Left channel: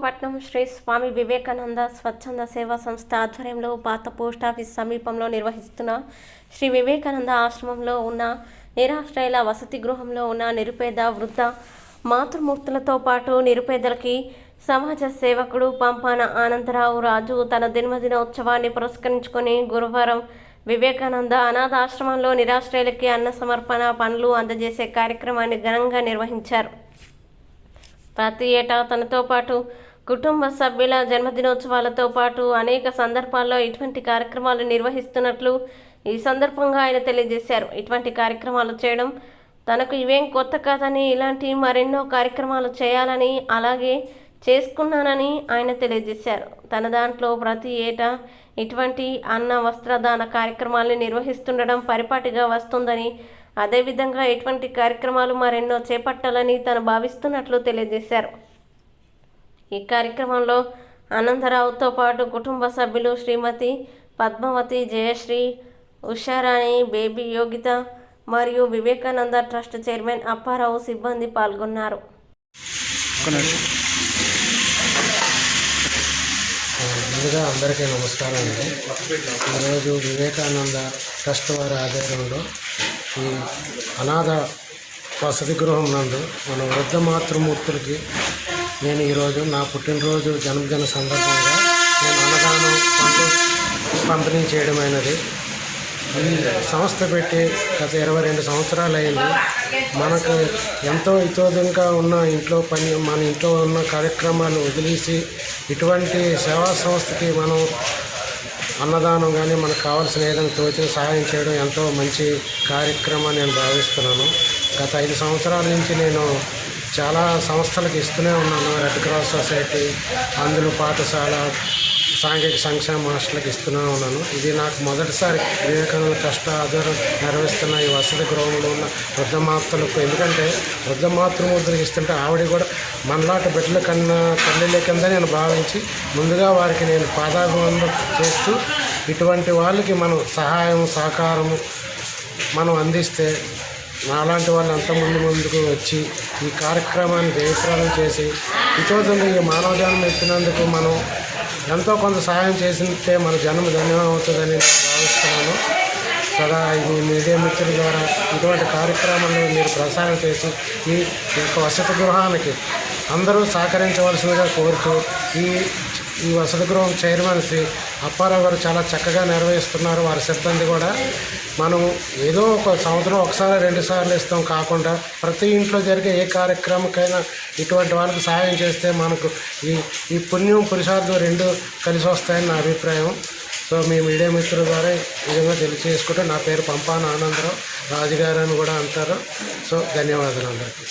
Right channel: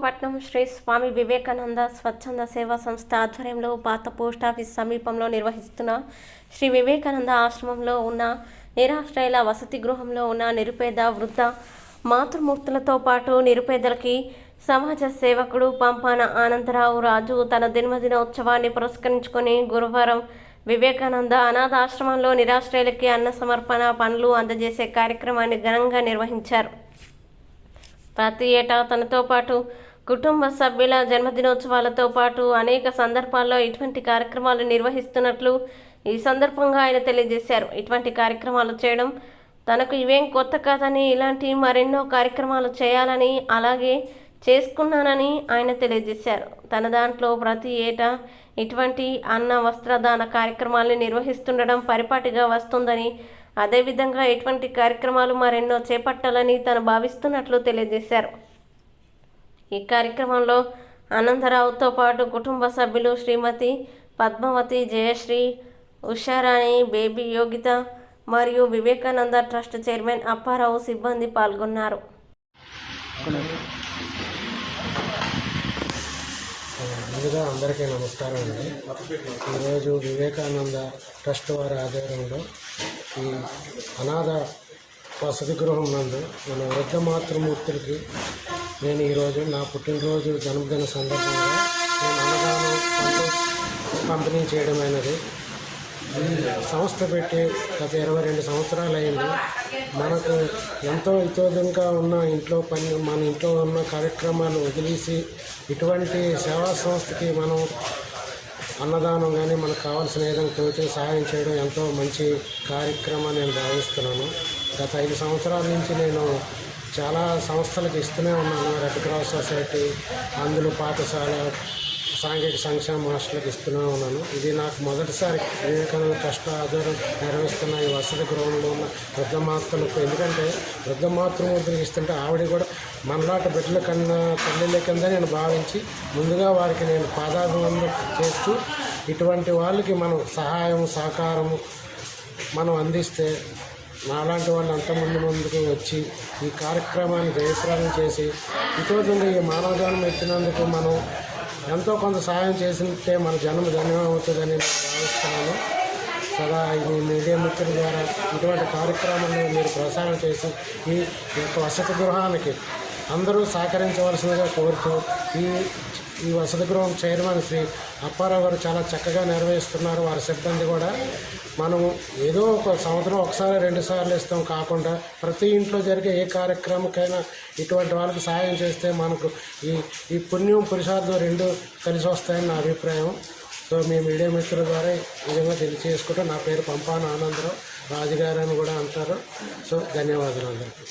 విశాఖపట్నం శ్రీ స్వామి వివేకానంద స్వచ్ఛంద సేవా సంస్థ ఆధ్వర్యంలో పాత పోస్టాఫీస్ సమీపంలో నిర్వహిస్తున్న శ్రీ వివేకానంద ఆశ్రమంలో ఉన్న నిరాశ్రయుల వసతి గృహంలో ఉన్న నిరుపేద వృద్ధ మాతృమూర్తులతో పాటు నిరుపేదలకి సమాజ సేవకుడు పంపాన ఆనందరావు రాజు తన జన్మదినోత్సవాన్ని పురస్కరించుకొని గురువారం వివేకానంద అనాథాశ్రమంలో నిరాశ్రయులకి అన్న సమర్పణ పనులు అందజేసే కార్యక్రమాన్ని ఘనంగా నిర్వహించారు. ప్రతి ఏటా తనతో పాటు కుటుంబ సభ్యుల జన్మదినోత్సవాలతో పాటు అనేక సందర్భాల్లో ఇటువంటి కార్యక్రమాలు నిర్వహిస్తున్నట్లు ఈ సందర్భంగా ఆయన తెలియజేశారు. ఇటువంటి కార్యక్రమాలు చేయడం తనకు ఇవేం కొత్త కాదని, ఇలాంటి మరెన్నో కార్యక్రమాలు చేయాలని అలాగే చేసుకున్నానని ఆయన తెలియజేశారు. తన దాంట్లో ప్రతి ఏటా ఇటువంటి అన్న వస్త్రదాన కార్యక్రమాలను నిర్వహిస్తుండడం పరిపాటిగా వస్తుందని, అదేవిధంగా ఇటువంటి కార్యక్రమాలు మరెన్నో చేపట్టాలని తను భావిస్తున్నట్లు తెలియజేశారు. ఈ కార్యక్రమంలో ఆనందరావుతో పాటు కుటుంబ సభ్యులు శ్రీమతి పద్మావతి, జయశ్రీ, ఉషారాణి, బేబీ యోగిత మరియు వివేకానంద ట్రస్ట్ చైర్మన్ అప్పారావు సిబ్బంది పాల్గొన్నారు. ముందుగా అందరికీ నమస్కారం అండి. ఈరోజు వివేకానంద ట్రస్ట్ వారి ఆధ్వర్యంలో ఈ అనాథ వసతి గృహం నందు మన వృద్ధ మాతృమూర్తులకి నేను ఈరోజు నా పుట్టినరోజు జన్మదిన సందర్భంగా నేను అన్నదానం పంపిణీ చేయడమైనది. ఈ సంస్థ పెట్టి గత 22 సంవత్సరాలు అయింది. మనకు ఎంతో ఇతోదంగా ఉన్న మన ఇంట్లో ఉన్న కార్యక్రమాలు వదిలేసి ఇటువంటి సేవా సంస్థకి మనం అన్నదానం కానీ మనకు కావాల్సిన ఏదైనా తోచిన సహాయం చేయడం ఎంతో మంచి కార్యక్రమం నేను భావిస్తున్నాను. గత 5 సంవత్సరాల నుంచి నేను చాలా సంస్థలకు ఇస్తూనే ఉన్నాను. రెడ్ క్రాస్ సొసైటీ, అందులో పాఠశాల, సాంఘిక సంక్షేమ హాస్టల్కి ఇస్తూనే ఉన్నాను. ఇది నాకు మొదటిసారి వివేకానంద ట్రస్ట్ ఆధ్వర్యం నిర్వహిస్తున్న ఈ వసతి గృహంలో ఉన్న వృద్ధ మాతృలకు. ఎందుకంటే వృద్ధ మాతృమూర్తులకు ఇస్తుంటే ఆవిడ కూడా మనలాంటి బిడ్డల కన్నా తల్లిల కింద నేను భావించి ముందుగా వారికి నేను పాదాభివందనం చేస్తూ ఇటువంటి వాళ్ళకి మనం సహాయం సహకారము మనం అందిస్తే నాలాంటి వాళ్ళు ముందుకు వచ్చి ఈ కార్యక్రమాన్ని జయప్రదం చేసి ఇతోదంగా ఈ మానవ జన్మ ఎత్తినందుకు మనం ఎంతో కొంత సహాయం చేసితే మన జన్మ ధన్యం అవుతుందని నేను భావిస్తున్నాను. సదా ఈ మీడియా మిత్రుల ద్వారా ఇటువంటి కార్యక్రమాలను మీరు ప్రసారం చేసి ఈ యొక్క వసతి గృహానికి అందరూ సహకరించవలసిందిగా కోరుతూ ఈ వసతి గృహం చైర్మన్ శ్రీ అప్పారావు గారు చాలా చక్కగా నిర్వహిస్తున్నారు. వారి సిబ్బంది కూడా మనం ఏదో ఒక సంవత్సరం ఒకసారి 2 సార్లు ఇస్తాం కాకుండా ప్రతి ఇంట్లో జరిగే ఏ కార్యక్రమకైనా ఇటువంటి వాళ్ళకి సహాయం చేస్తే మనకు ఈ పుణ్యం పురుషార్థం 2 కలిసి వస్తాయని నా అభిప్రాయం. సో మీ మీడియా మిత్రుల ద్వారా ఈ విధంగా తెలియజేసుకుంటే నా పేరు పంపాన ఆనందరావు రాజుగారు అని కూడా అంటారు. సో ధన్యవాదాలు అందరికీ.